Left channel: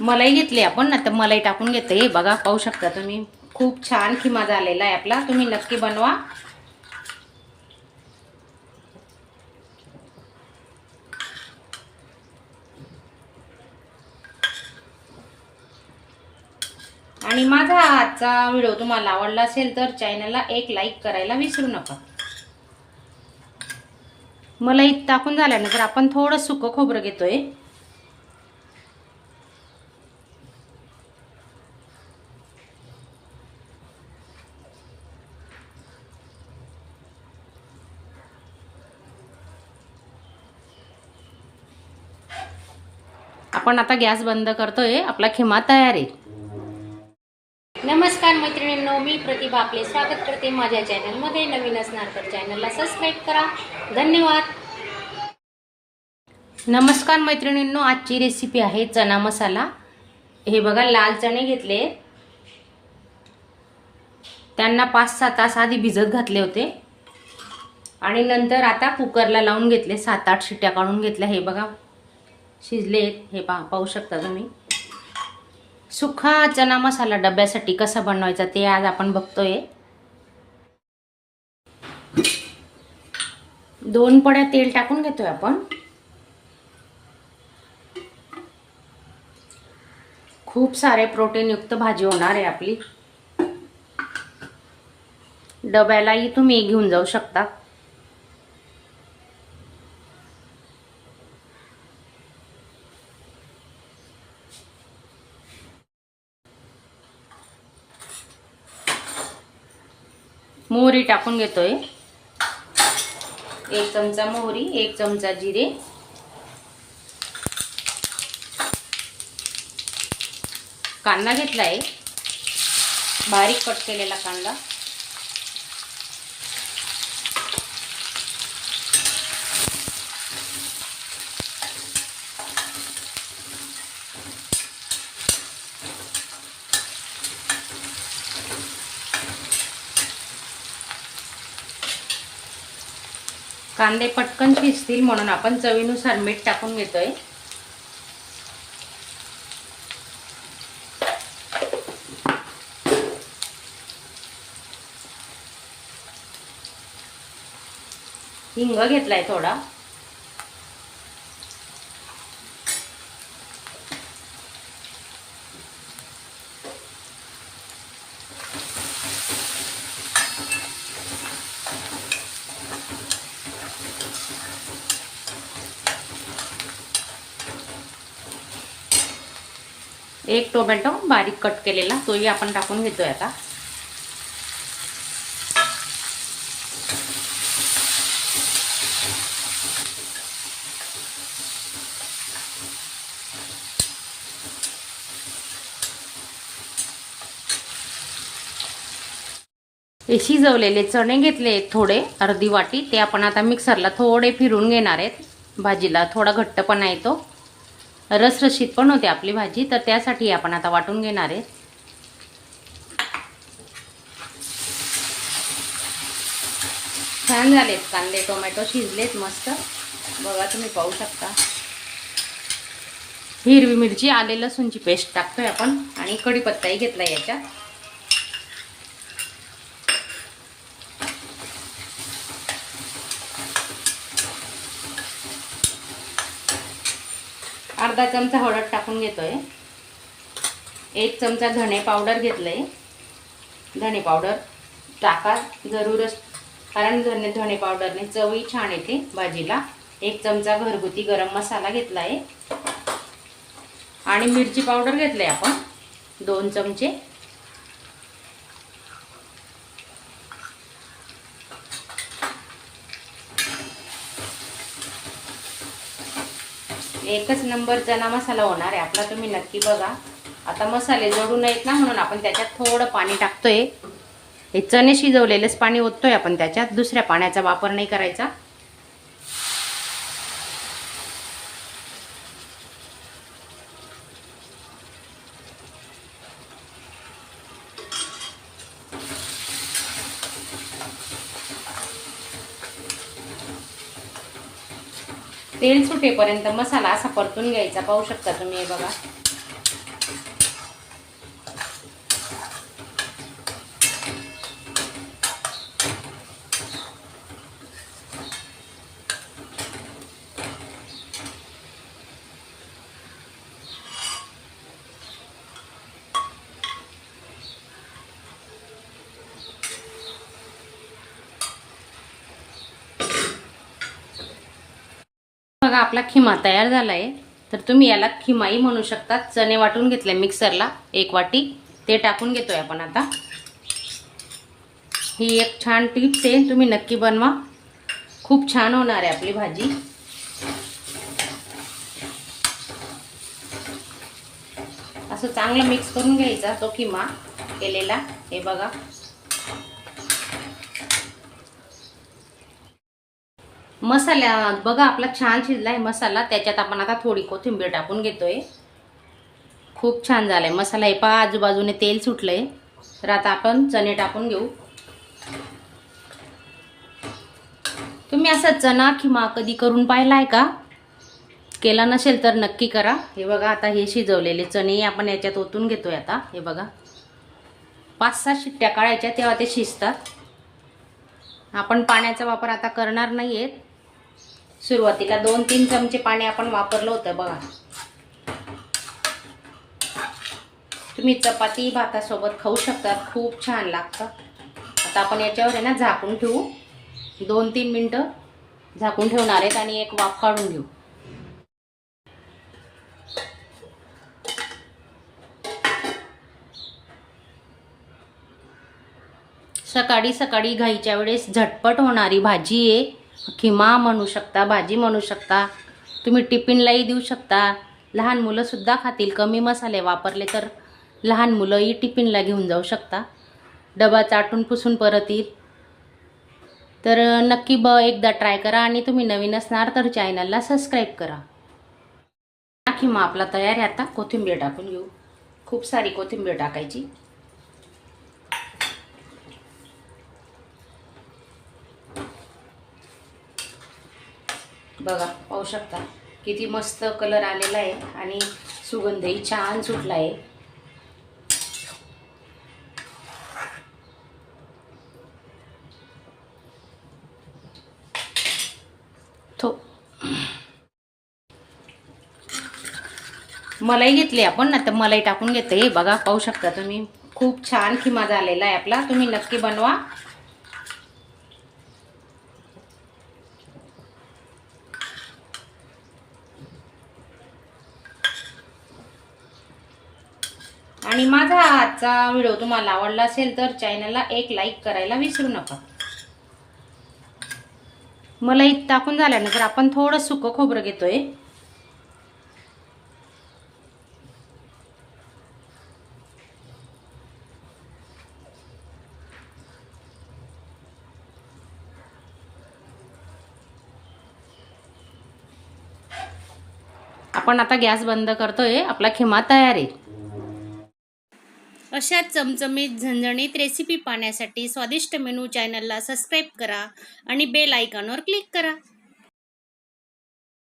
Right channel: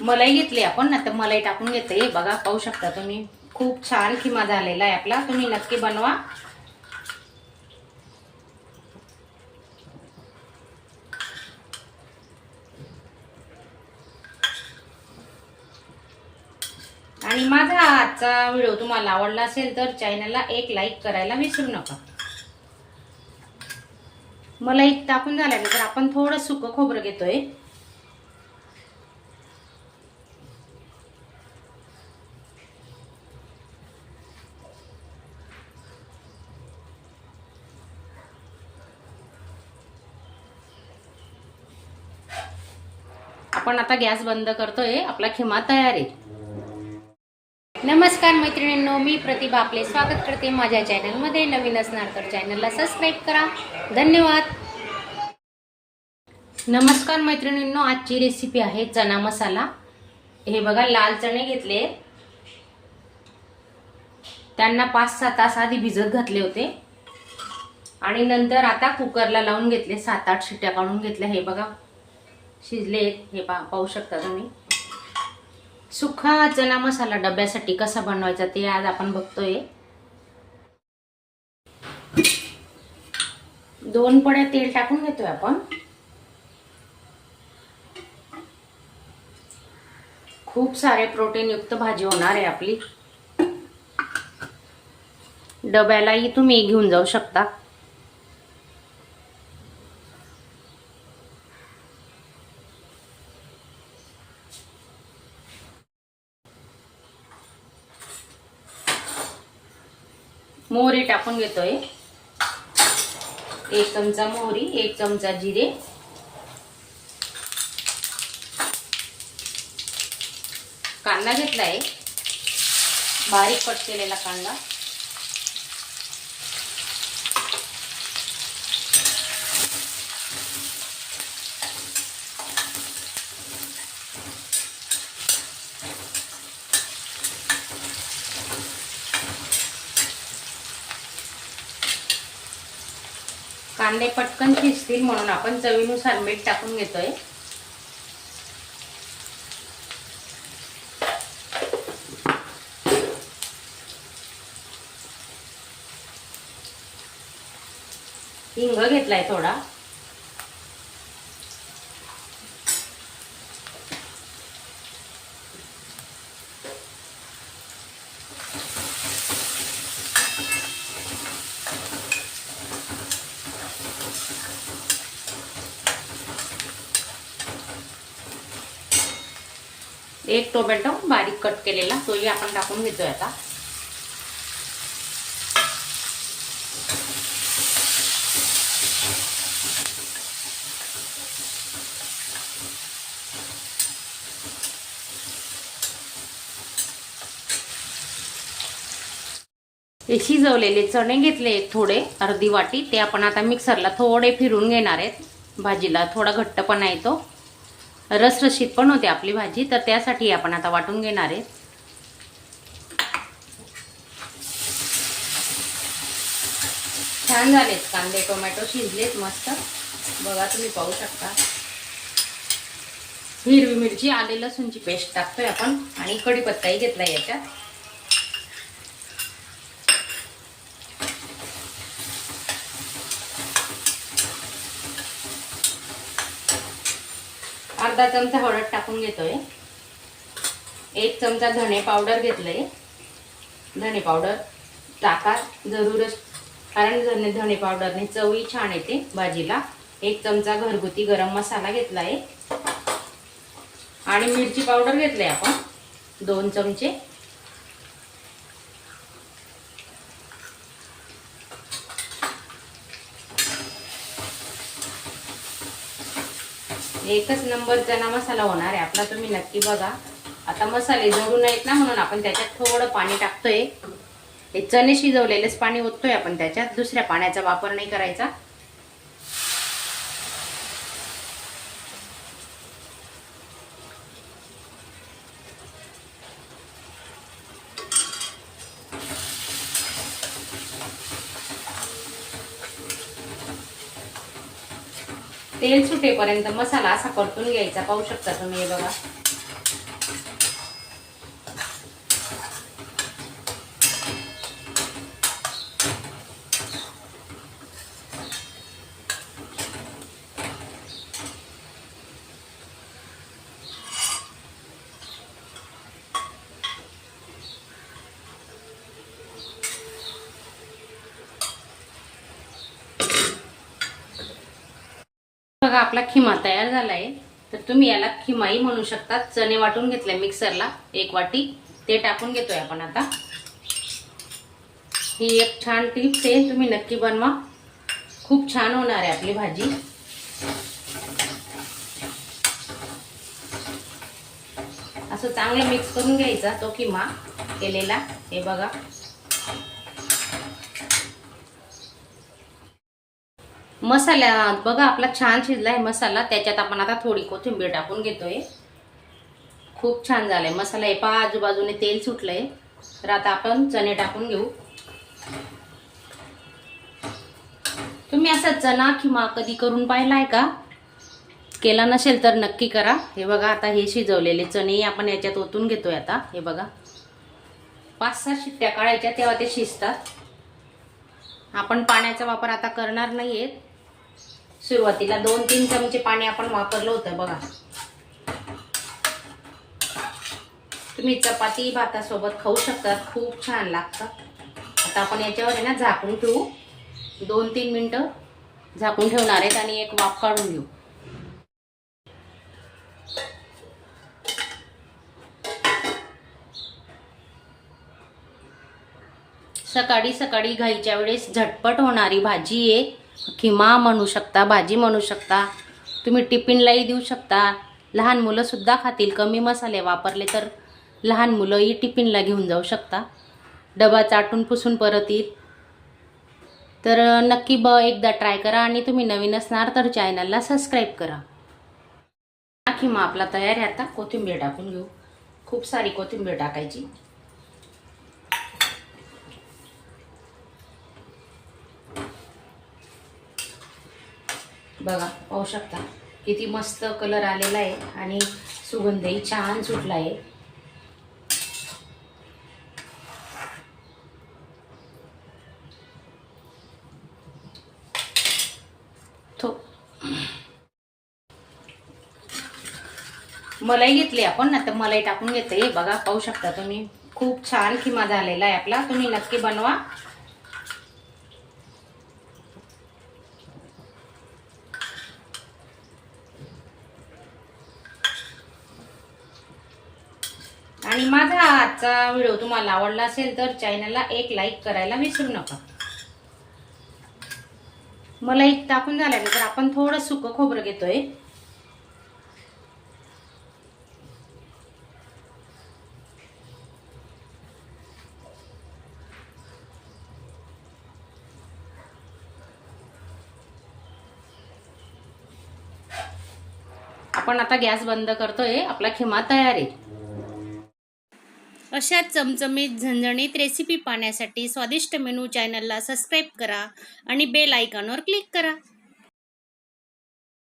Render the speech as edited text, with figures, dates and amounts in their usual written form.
मलाई घेतली आपण. आता मलाई टाकून घेते. बघा पाहू शकता तुम्ही, खूप छान खिमा झालेला आहे आपला. तुम्ही नक्की बनवा. आणि माझा आजचा व्हिडिओ तुम्हाला आवडला असेल तर चॅनलला एक लाईक करायला विसरू नका. मलाई टाकून झाल्यानंतर आपण थोडं सुकं खोबरं घेतोय. आपण आता गॅस बंद करतोय. आपला खिमा तयार आहे. नमस्कार मैत्रिणींनो, मी प्रतिभा आपले स्वागत करते माझ्या चॅनलमध्ये. नवीन असणार तर चॅनलला सबस्क्राईब करा. धन्यवाद. नमस्कार मैत्रिणींनो, आजची रेसिपी आहे चना मसाला. हे बघा, लाल चणे घेतले. त्यांना 5-6 तास आधी भिजत घातले होते आणि नंतर आता कुकरला लावून घेतले. 7-8 शिट्ट्या काढून घेतल्या. हे बघा शिजले. हे पाहू शकता तुम्ही. सुखा चना मसाला डब्यासाठी कसा बनवायचा ते आज आपण बघतोय. 2 पड्या तेल टाकून घेतोय आपण. खूप सारे प्रोटीन युक्त भाजी होणार आहे आपली. डब्यालाही तुम्ही घेऊन जाऊ शकता. मोहरी टाकून घेतोय. 1 चमचा मोहरी, 1 चमचा जिरे, कांदा घेतलाय, बारीक कट केलेला कांदा, कांदे पटकन शिजतील म्हणून आपण चवीनुसार मीठ टाकून घेतोय. हिंग घेतलाय थोडा. एक टोमॅटो बारीक कट केलेला तोही आपण टाकून घेतोय आता. हे शिजवलेले चणे घेतले थोडे, अर्धी वाटी. ते आपण आता मिक्सरला थोडे फिरून घेणार आहेत. भाजीला थोडा घट्टपणा येतो, रसरशीत पण होते आपली भाजी, तर त्यासाठी आपण आता वाटून घेणार आहे. छान झालेत कांदे टोमॅटो, शिजलेत मस्त. बघा तुम्ही पाहू शकता. हिरवी मिरची, आले लसूणची पेस्ट टाकतोय आपण आणि कढीपत्ताही घेतलाय याच्यात. अर्धा चमचा हळद टाकून घेतोय. 1 चमचा धणे पावडर घेतलंय. धणे पावडर टाका जरूरच, कारण धणे पावडरने चवही छान येते भाजीला. 1 चमचा घरगुती गरम मसाला घेतलाय आणि मिरची पावडर घेतलंय आपण 2 चमचे. एकच नंबर चना मसाला होणार आहे आपला. तुम्ही नक्की बघा. आता मसाले जळू नयेत ना म्हणून आपण त्याच्यात थोडं पाणी टाकतोय. हे चणे शिजवलेलेच पाणी ओततोय आपण त्याच्यात. दुसऱ्या पाण्याचा वापर नाही करायचा. तेल सुटेपर्यंत मसाला असा परतून घ्यायचा. पाहू शकता तुम्ही. बघा बघा आपला खिमा तयार झाला आहे. तर तुम्ही याला खिमाही म्हणू शकता. चणे वाटून घेतले मिक्सरला 1 वाटी, ते टाकून घेतोय आपण आता. ही एक छान टिप्स आहे, तुम्ही नक्की बनवा, खूप छान होणार आहे आपली भाजी. असं चांगलं मिक्स करून घ्यायचा तो खिमा केलेला. हे बघा मसाला बघा आपला छान शिजलाय मसाला. त्याच्यात आपण आता थोडी कोथिंबीर टाकून घेतोय. खूप छान झालाय मसाला. हे पहा आजूबाजूने तेल सुटलंय. तर आता आपण चणे टाकून घेऊ. तुम्ही असा चणा खिमा कधी करून पाहिलाय का? केला नसेल तर नक्की करा. हे बघा आता हे शिजवलेले चणे आपण याच्यात ओतून घेतोय आता. हे बघा 5-6 शिट्ट्या काढायच्या तेव्हा ते शिजतात. आपण पाण्याचा वापर आता करणार नाहीये. सुरुवातीला 2-3 चमचे पाणी आपण वापरलं होतं बघा. तुम्ही चपाती भातासोबत खाऊ शकता, खूप छान लागतं. आता आपण याच्यावर आहे ना झाकून ठेवू. 2-3 मिनिटं झाकून ठेवणार आहेत आणि एक वाफ काढून घेऊ. सकाळी सकाळी घाईच्या वेळेस झटपट होणारी भाजी आहे. खिमा म्हणू शकता, भाजी म्हणू शकता. तुम्ही टिफिनलाही देऊ शकता. लहान मुलंसुद्धा खातील. कमी मसाले वापरले तर लहान मुलंही टिफिनला घेऊन जाऊ शकता. डबा चाटून पुसून परत येईल. तर नक्की एकदा ट्राय करा. आणि तुम्ही नवीन असणार तर चॅनलला सबस्क्राईब करा. खिमा आपला तयार आहे. आता कोथिंबीर टाकून घेऊ. खूप सारी कोथिंबीर टाकायची. बघा पाहू शकता किती मस्त कलर आलेला आहे आणि सुगंधही छान सुटला आहे. मलाई घेतली आपण. आता मलाई टाकून घेते. बघा पाहू शकता तुम्ही खूप छान खिमा झालेला आहे आपला. तुम्ही नक्की बनवा. आणि माझा आजचा व्हिडिओ तुम्हाला आवडला असेल तर चॅनलला एक लाईक करायला विसरू नका. मलाई टाकून झाल्यानंतर आपण थोडं सुकं खोबरं घेतोय. आपण आता गॅस बंद करतोय. आपला खिमा तयार आहे. अशा चमचमीत झणझणीत रेसिपी पाहण्यासाठी स्वादिष्ट मेनू चॅनलला सबस्क्राईब करा आणि बेल आयकॉनवर क्लिक करा.